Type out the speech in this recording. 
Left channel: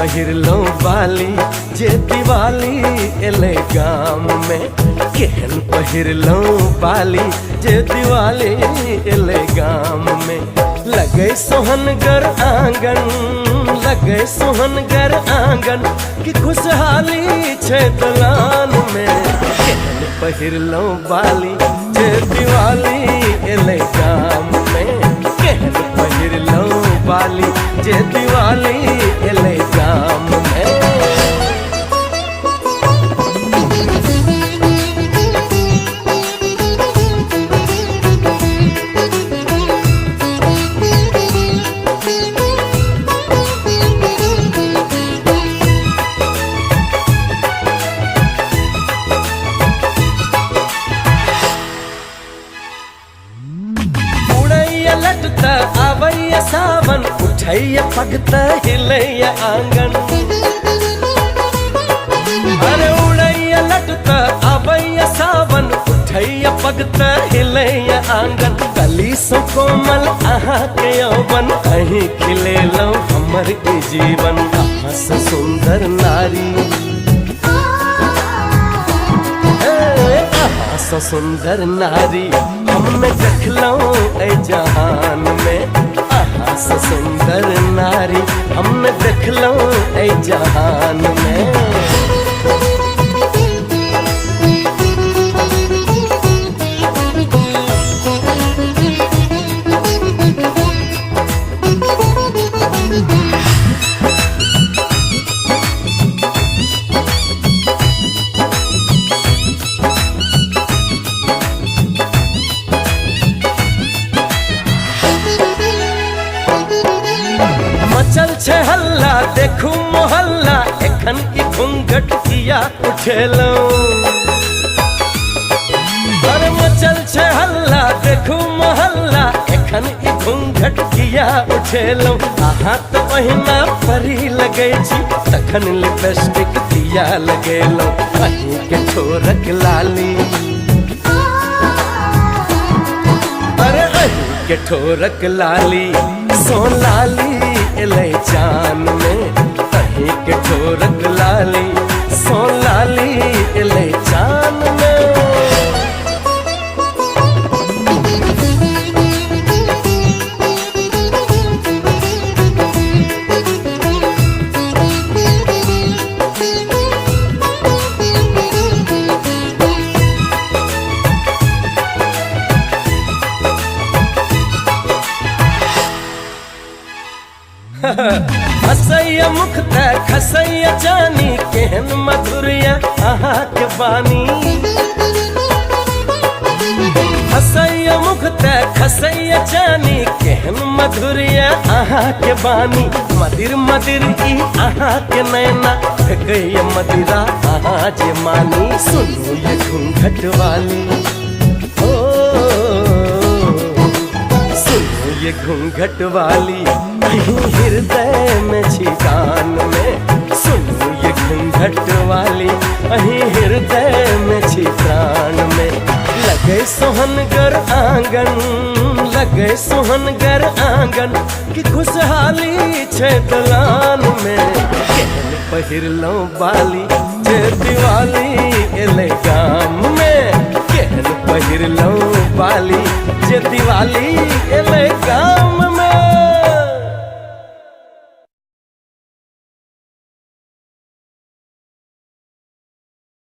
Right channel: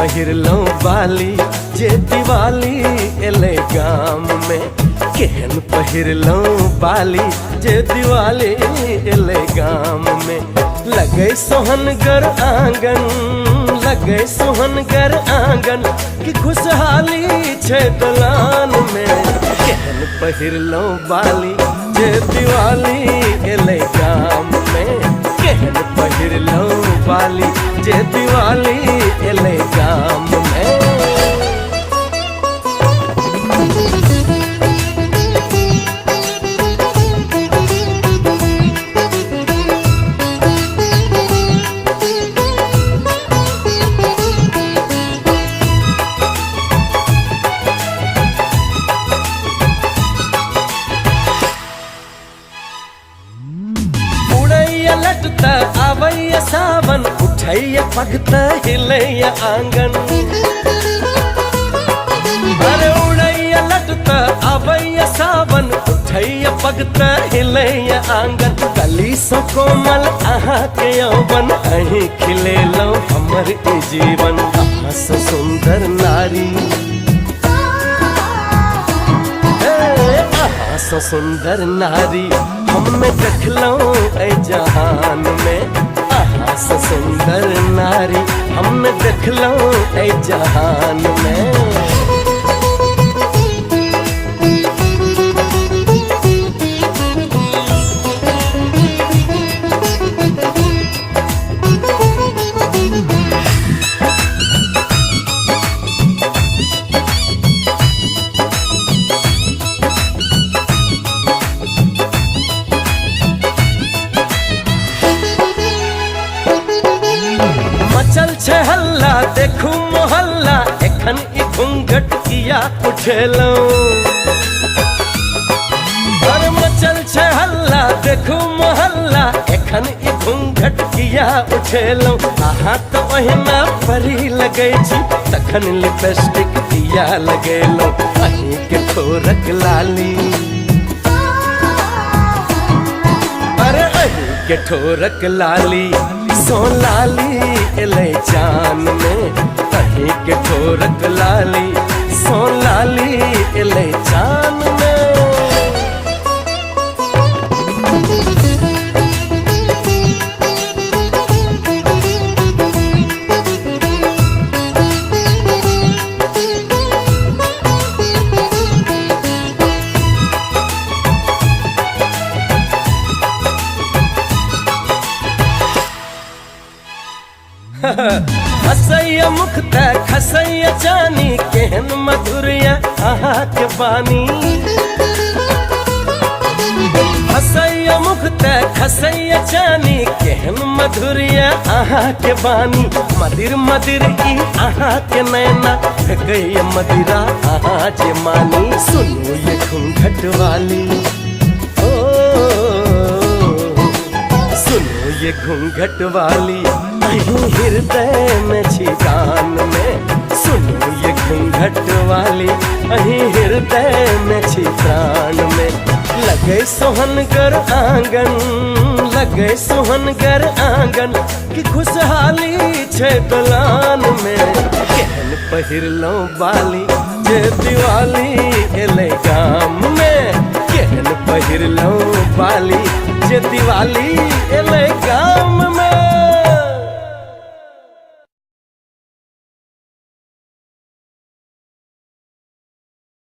पहिरलो बाली जे दिवाली एले गाम में। केहन पहिरलो बाली जे दिवाली एले गाम में। लगे सोहनगर आंगन, लगे सोहनगर आंगन की खुशहाली छे दलान में। केहन पहिरलो बाली जे दिवाली एले गाम में। केहन पहिरलो बाली जे दिवाली एले गाम में। लटता आवैया सावन, उठैया पगता हिलैया आंगन। अरे उड़ैया लटता आवैया सावन, उठैया पगता हिलैया आंगन। कली सो कोमल अहाँ के यौवन, अहीं खिलेलो हमर ई जीवन। अहाँ से सुंदर नारी, अहाँ से सुंदर नारी हमें देखलो ए जहान में। अहाँ से सुंदर नारी हमें देखलो ए जहान में। मचल छे हल्ला देखू मोहल्ला, एखन ई घूंघट किया उठेलो। अरे मचल छे हल्ला देखू मोहल्ला, एखन ई घूंघट किया उठेलो। अहाँ तो ओहिना परी लगै छी, तखन लिपस्टिक किया लगेलो। अहीं के ठोरक लाली, अरे अहीं के ठोरक लाली सो लाली एले चान में। अहीं के ठोरक लाली सो लाली एले चान में। हसैया मुख ते खसैया जानी, केहन मधुरिया अहाँ के बानी। हसैया मुख ते खसैया जानी, केहन मधुरिया अहाँ के बानी। मदिर मदिर ई अहाँ के नैना, फेंकैया मदिरा अहाँ जे मानी। सुनो ये घूंघट वाली, ओ सुनो ये घूंघट वाली, अहीं हृदय में छी कान में। सुनो ये घूंघट वाली, अहीं हृदय में छी प्राण में। लगे सोहनगर आंगन, लगे सोहनगर आंगन की खुशहाली छे दलान में। केहन पहिरलो बाली जे दिवाली एले गाम में। केहन पहिरलो बाली जे दिवाली एले गाम में।